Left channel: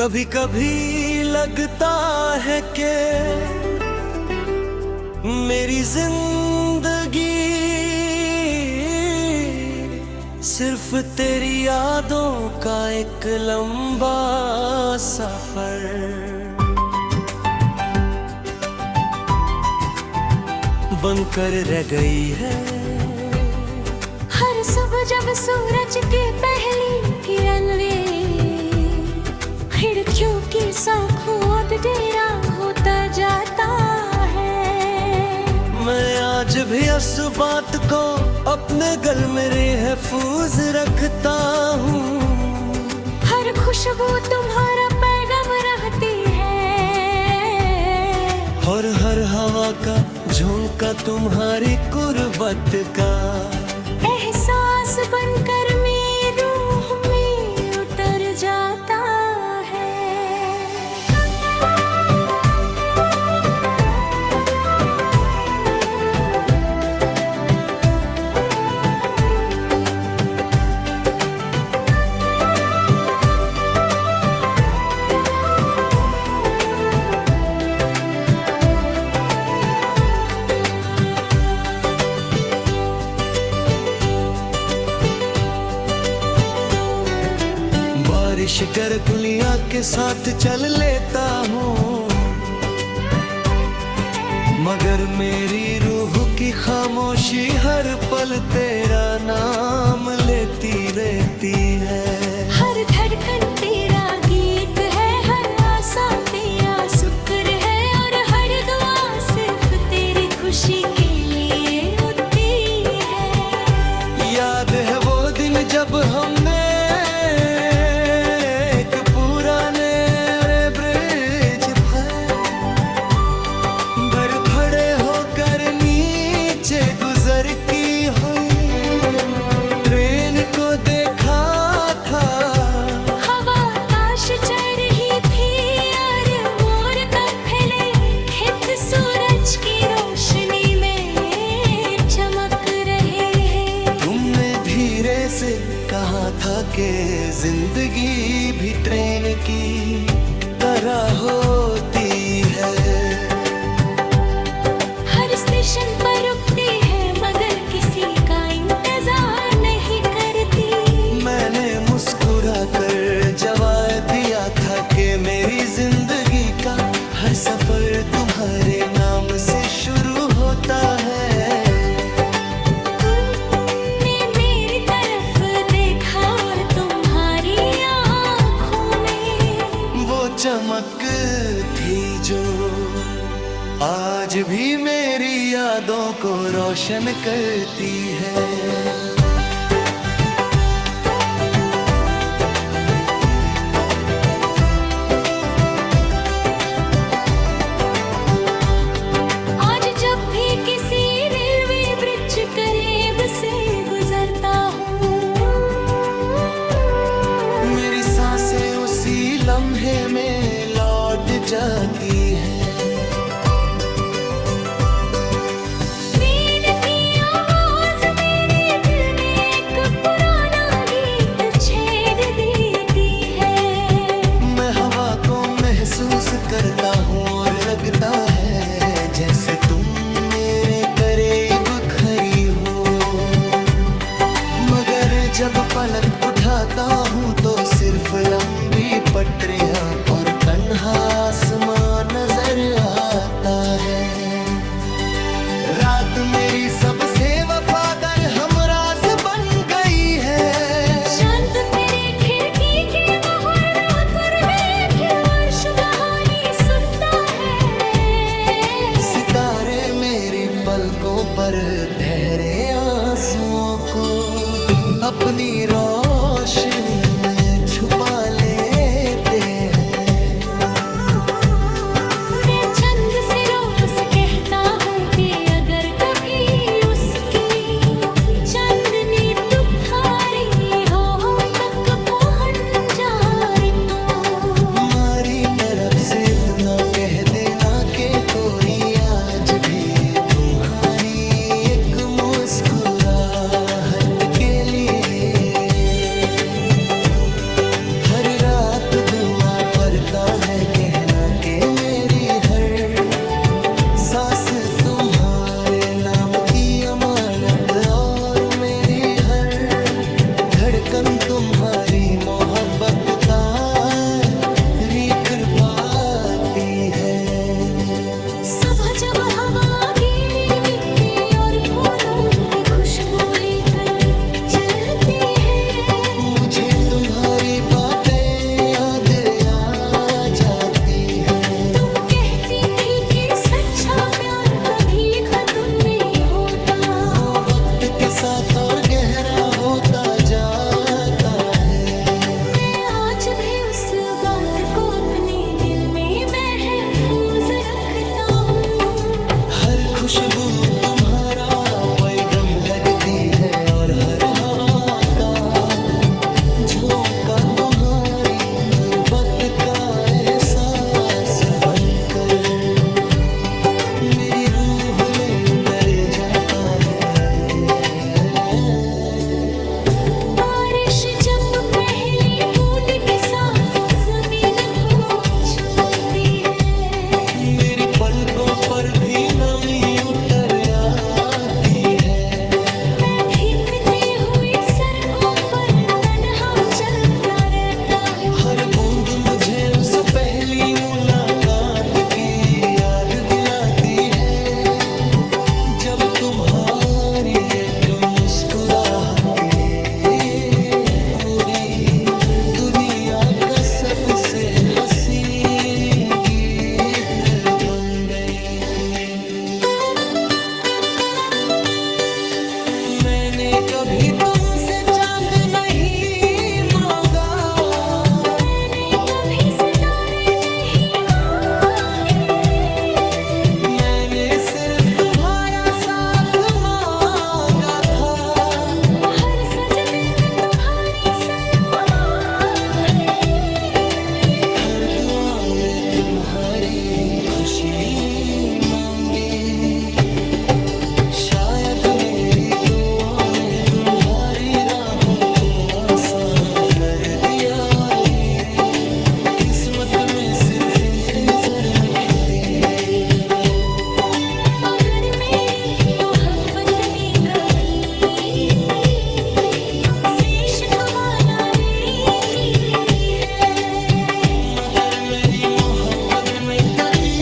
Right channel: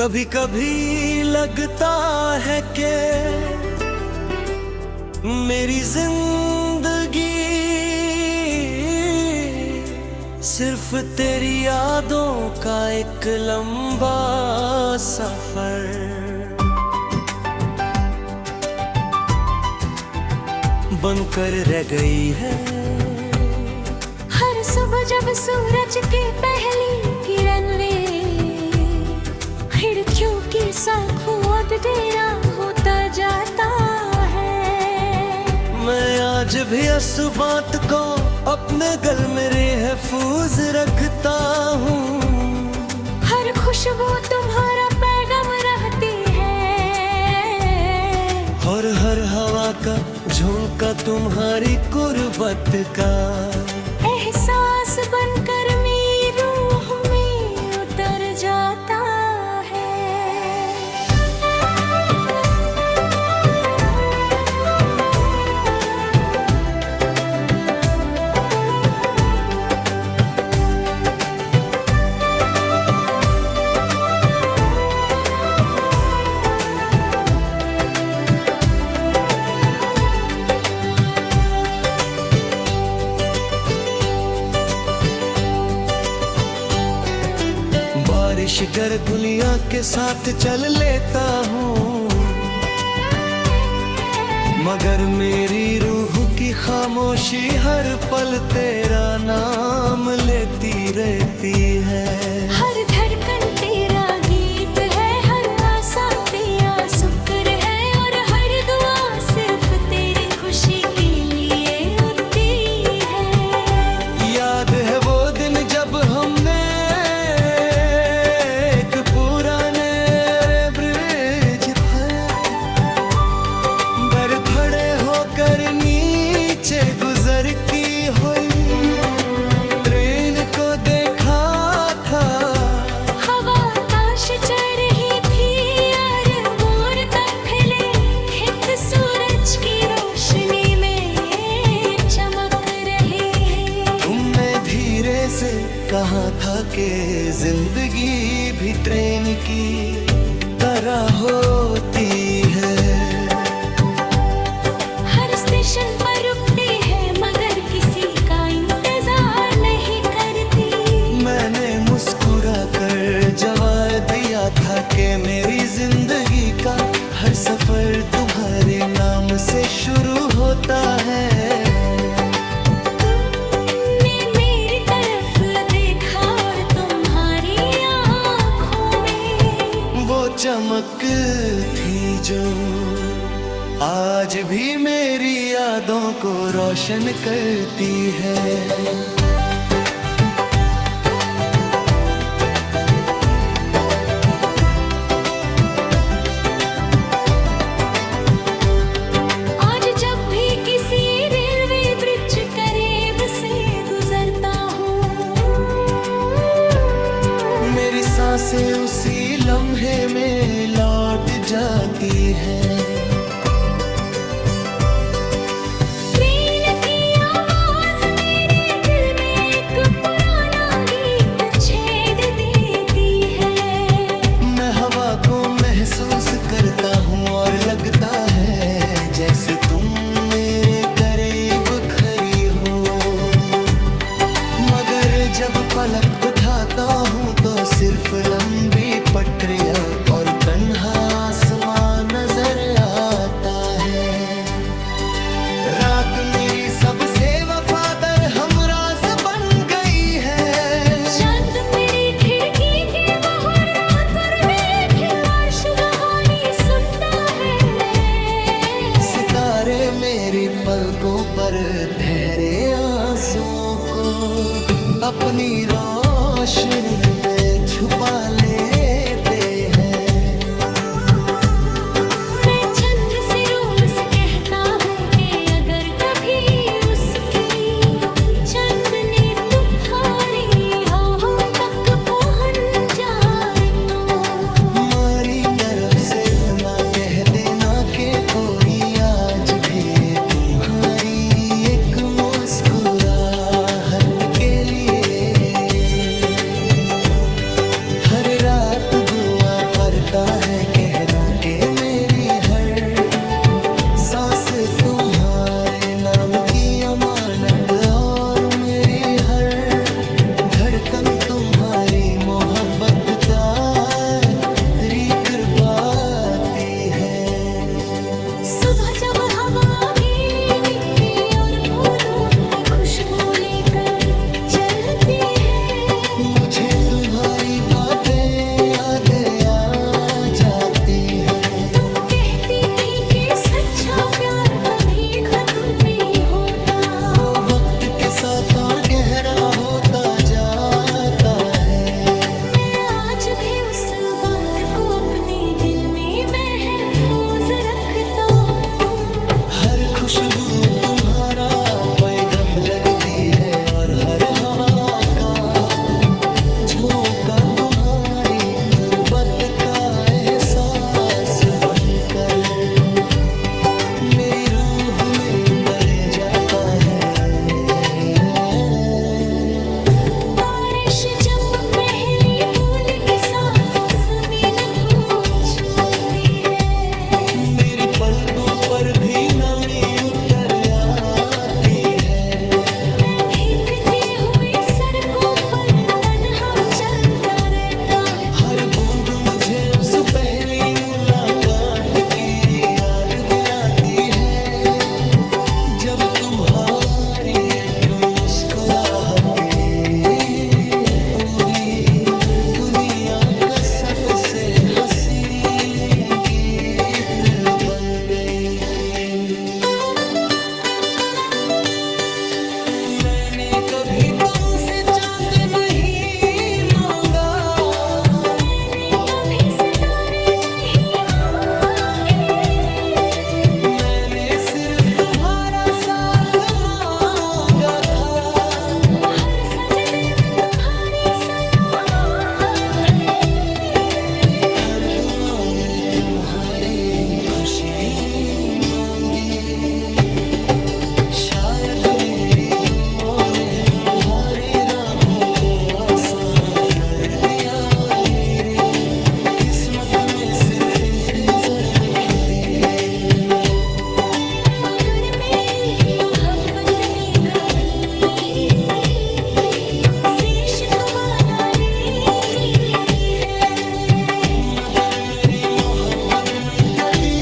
कभी कभी लगता है कि मेरी जिंदगी सिर्फ तेरी यादों का एक लंबा सफर बनकर रह गई है। हर सुबह जब सूरज की पहली किरण वे खिड़कियों की सांखों तेरा होता जाता है। मैं आज भी इस बात को अपने गल में महफूज रखता हूँ। हर खुशबू तुम्हारा पैगाम रहती है और हर हवा का झोंका तुम्हारी कुर्बत का एहसास बनकर मेरी रूह में उतर जाता है। बारिश गरगुलियां के साथ चल लेता हूँ, मगर मेरी रूह की खामोशी हर पल तेरा नाम लेती रहती है। हर धड़कन तेरा गीत है, हर आशा तेरा शुक्र है और हर दुआ सिर्फ तेरी खुशी के लिए होती है। याद है वो दिन जब हमने पुराने ब्रिज पर खड़े होकर नीचे गुजर की हुई ट्रेन को देखा था। हवा आकाश चढ़ रही थी और मोर तक फैले खेत सूरज की रोशनी में चमक रहे हैं। तुमने धीरे से कहा था कि जिंदगी भी ट्रेन की तरह होती है। हर स्टेशन पर रुकती है मगर किसी का इंतजार नहीं करती। मैंने मुस्कुरा कर जवाब दिया था कि मेरी जिंदगी का हर सफर तुम्हारे नाम से शुरू होता है। वो चमक थी जो आज भी मेरी यादों को रोशन करती है। आज जब भी किसी रेलवे ब्रिज करीब से गुजरता हूँ, मेरी सांसें उसी लम्हे में लौट जाती हैं। ट्रेन की आवाज मेरे दिल में एक पुराना गीत छेड़ देती है। मैं हवा को महसूस करता हूँ और लगता है जैसे तुम मेरे करीब खड़ी हो। मगर जब पलक उठाता हूँ तो सिर्फ लंबी पटरियाँ और तन्हा आसमान नजर आता है। रात मेरी सबसे वफादार हमराज बन गई है। चांद मेरी खिड़की के बाहर उतर देखे और सुबहानी सुनता है। सितारे मेरी पलकों पर ठहरे आंसुओं को अपनी रोशनी में छुपा लेते हैं। मैं चंद से रोज कहता हूँ कि अगर कभी उसकी चांदनी तुम्हारी हो हम तक पहुँच जाए तो हमारी तरफ से इतना कह देना कि कोई आज भी तुम्हारी एक मुस्कुराहट के लिए हर रात दुआ करता है कहना के मेरी हर सांस तुम्हारे नाम की अमानत, और मेरी हर धड़कन तुम्हारी मोहब्बत तारीख करवाती है। सुबह जब हवा गीली मिट्टी और फूलों की खुशबू लेकर चलती है, मुझे तुम्हारी बातें याद आ जाती है। तुम कहती थी कि सच्चा प्यार कभी खत्म नहीं होता, वो वक्त के साथ और गहरा होता जाता है। मैं आज भी उस बात को अपने दिल में महफूज रखता हूँ। हर खुशबू तुम्हारा पैगम लगती है, और हर हवा का झोंका तुम्हारी गुर्बत का एहसास बनकर मेरी रूह में उतर जाता है। बारिश जब पहली बूंद के साथ जमीन को चूमती है, मेरी पलकों पर भी नमी उतर आती है। मैं भीगती हुई सड़कों पर तन्हा चलता रहता हूँ। हर बूंद मुझे उस पहली मुलाकात की याद दिलाती है, जब तुम्हारी एक मुस्कुराहट पूरी दुनिया का सबसे हसीन गीत बन गई कि मैंने कभी तुमसे चांद नहीं मांगा, मैंने कभी सितारे नहीं मांगे, मैंने सिर्फ तुम्हारा साथ मांगा था। हर सजदे में तुम्हारी सलामती, हर दुआ में तुम्हारी खुशी मांगी। शायद मेरी दुआओं ने तुम्हारी राहों को आसान कर दिया, और मेरी किस्मत में सिर्फ इंतजार में खिदी है। मगर मेरी मोहब्बत ने कभी तुमसे शिकवा ना देती है। मगर मेरी मोहब्बत में कभी